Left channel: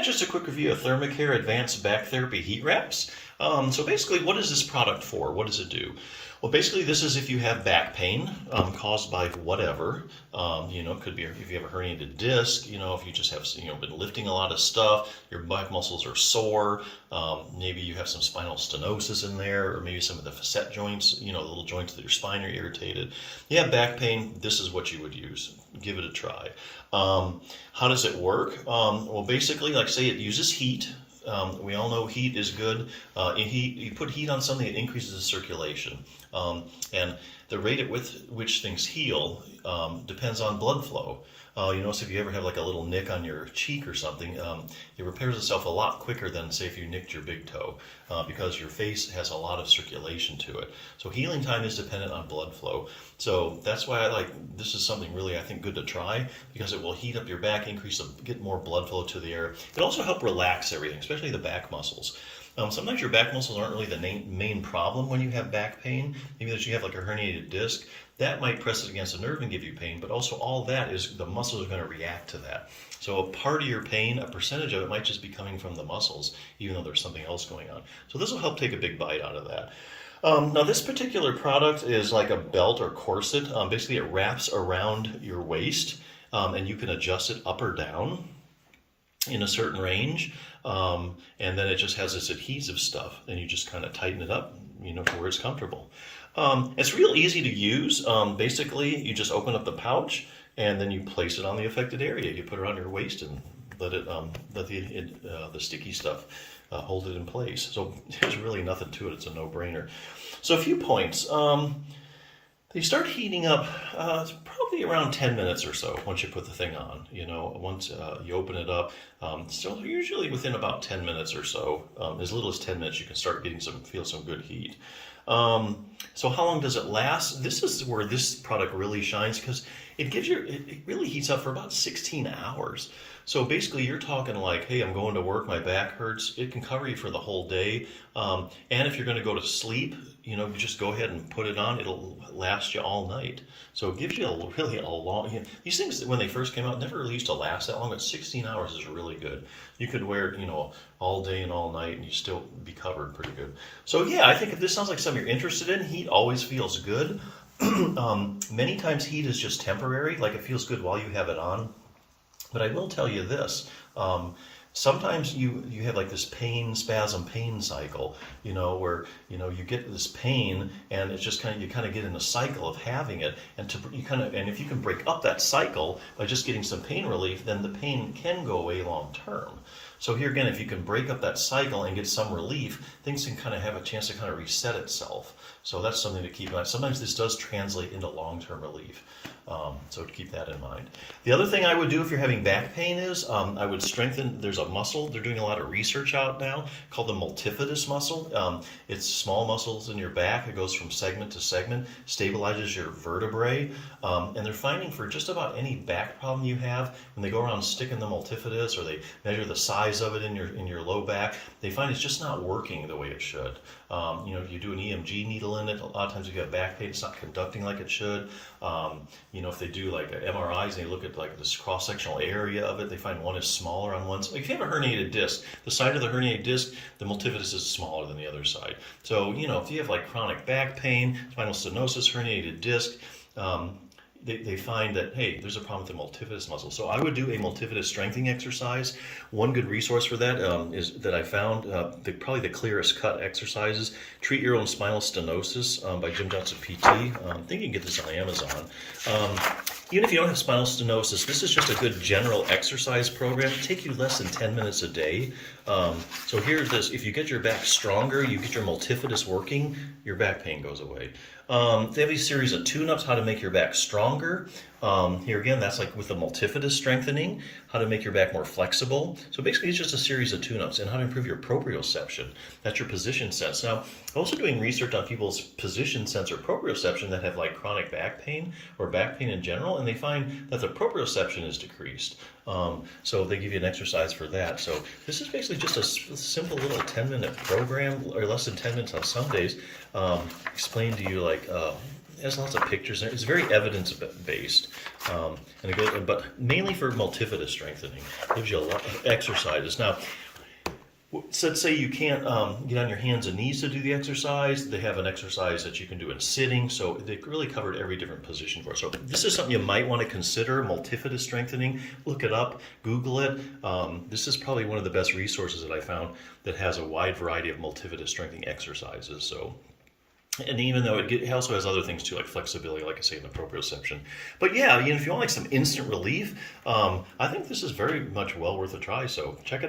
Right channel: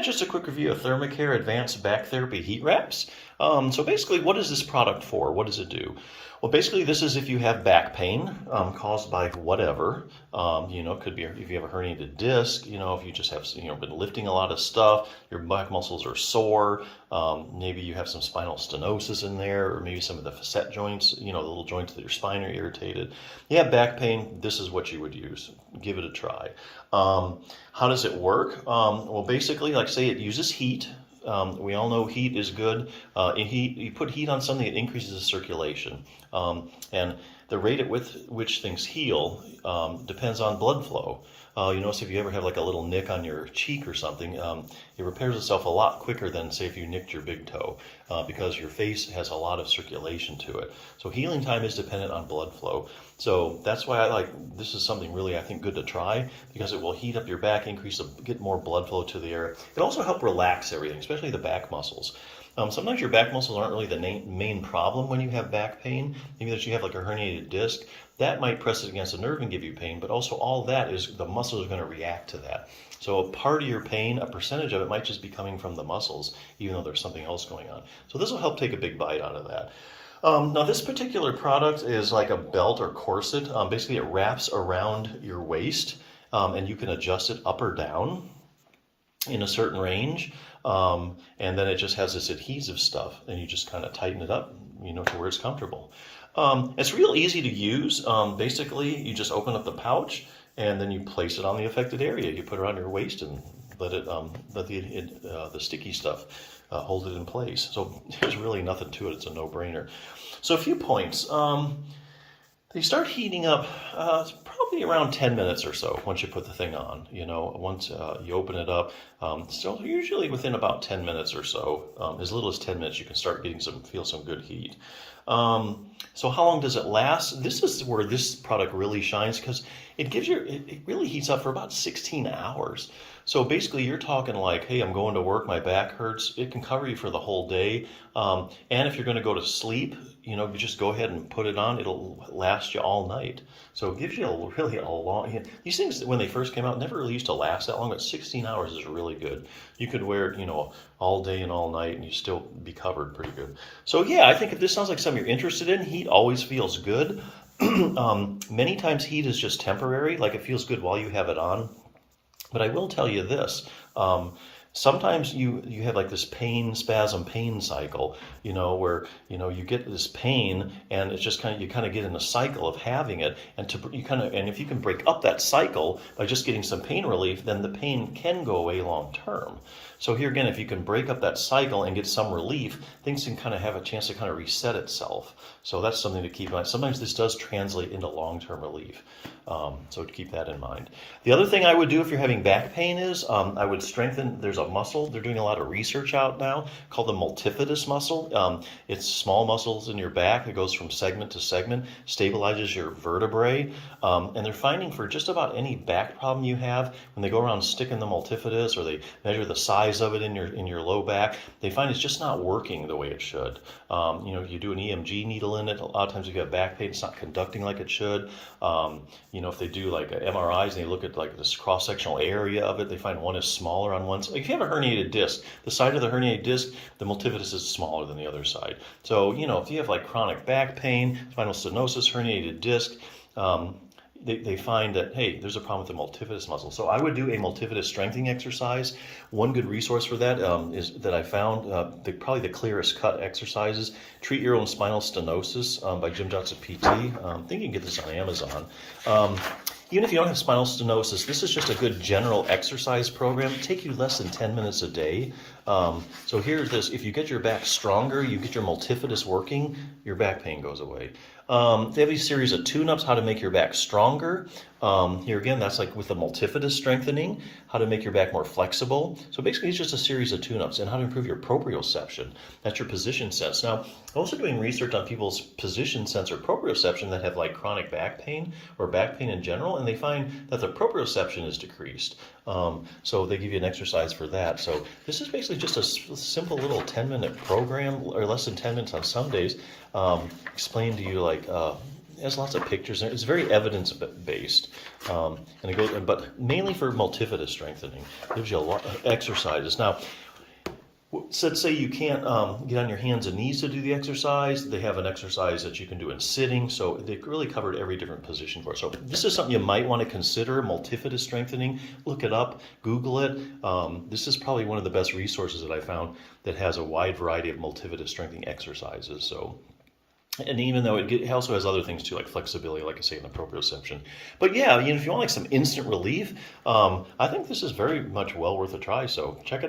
Yeah, just a quick review of ThermaCare Advanced Back Therapy Heat Wraps. So basically, what is this product for? What does it do? Well, basically, this is if you have back pain caused by whatever. It could be if you have a herniated disc, if you just have, been lifting a lot of stuff, your back muscles are sore, maybe you have some spinal stenosis in there, or maybe some of the facet joints, the little joints of your spine are irritated. You have back pain, this is what you would use. Give it a try. How does it work? Well, basically, like say it uses heat. We all know heat is good. You put heat on something, it increases the circulation. And the rate at which things heal depends on blood flow. So if you ever have like a little nick on your cheek or something, it repairs itself a lot quicker than, say, if you nicked your big toe, because your face has a lot of circulation to it. So healing time is dependent on blood flow. So that's why this is something really, I think, good to try, because it will heat up your back, get more blood flow to the area. It also help relax everything, especially the back muscles. Sometimes your back muscles aren't really the main problem when you have back pain. Maybe that you have like a herniated disc. That might press it against the nerve and give you pain, but also all that is the muscles are going to react to that. So a part of your pain, a percentage of it might just be coming from the muscles, even though there's something else going on. So this will help take a big bite out of that. Now this particular product is like a belt or corset. Basically it wraps around your waist, and you can adjust it up or down in a certain range. And then it just has this adhesive stuff, and you just kind of tighten it up, to where it's comfortable. It's real easy to use. Basically, you just open up the pouch, and then you place it on the affected area. You put it around your waist and let the sticky stuff hold it in place. So there's really nothing to it. It's a no-brainer. So a few points. They start heating up probably around 10 minutes or so once you put the thing on. Once you open it up, so usually within about 10 minutes or so, as little as 10 minutes, you can start feel some good heat. So how long does it last? This is where this product really shines, because it really heats up for about 16 hours. So basically you're talking like, hey, I'm going to work, my back hurts. It can cover you for the whole day. And if you're going to go to sleep, you just go ahead and put it on. It'll last you all night. So it gives you really a long, these things, when they first came out, never really used to last that long, but 16 hours is really good. You could wear it, all day and all night, and you still be covered pretty good. So yeah, I think if this sounds like something you're interested in, heat always feels good. Many times heat is just temporary, like it feels good while you have it on. But I will tell you this, sometimes you have like this pain cycle, where, you get this pain and it's just you kind of get in a cycle of having it. And if you can break up that cycle by just getting some pain relief, then the pain can go away long term. So here again, if you can break up that cycle and get some relief, things can kind of have a chance to kind of reset itself. So that's something to keep in mind. Sometimes this does translate into long-term relief. So to keep that in mind. The other thing I would do if you're having back pain is I would strengthen, there's a muscle, they're doing a lot of research out now called the multifidus muscle. It's small muscles in your back. It goes from segment to segment, stabilizes your vertebrae. And they're finding for just about any back problem you have, when they go around sticking the multifidus or they measure the size of it in your low back, they find it's just not working the way it should. You do an EMG needle in it, a lot of times if you have back pain, it's not conducting like it should. If they do like MRIs and they look at like this cross-sectional area of it, they find one is smaller on one side. If you have a herniated disc, the side of the herniated disc, the multifidus is smaller than the other side. So, if you have like chronic back pain, spinal stenosis, herniated disc, they find that, hey, there's a problem with the multifidus muscle. So I would do a multifidus strengthening exercise. One good resource for that is that I found, probably the clearest cut exercises, Treat Your Own Spinal Stenosis by Jim Johnson PT. I think you can get this on Amazon. Even if you don't have spinal stenosis, this is just a good general exercise program. It'll take you less than 10 minutes a day. So here's this. If you get your back stronger, you get your multifidus working, your back pain goes away. They have these series of tune-ups, how to make your back stronger. Here again, that's like with the multifidus strengthening, how to make your back more flexible. So basically it's just a series of tune-ups, and how to improve your proprioception. That's your position sense. Now, I'm also doing research on people's position sense or proprioception that have like chronic back pain or back pain in general, and they find that the proprioception is decreased. So they give you an exercise for that. So this is basically just a simple little 10-minute program, or less than 10 minutes on some days, explain to you like has lots of pictures. It's very evidence-based, and it goes, but mainly for multifida strengthening. It gives you a lot of exercises. Now, so let's say you can't get on your hands and knees to do the exercise. They have an exercise that you can do in sitting, so they really covered every different position for it. So this is something you might want to consider, multifida strengthening. Look it up, Google it. This is probably one of the best resources that I found that has a wide variety of multifida strengthening exercises. So, and even though it also has other things too, like flexibility, like I say, in the proprioception. But yeah, if you want like some instant relief, I think this is very much well worth a try. So check it out.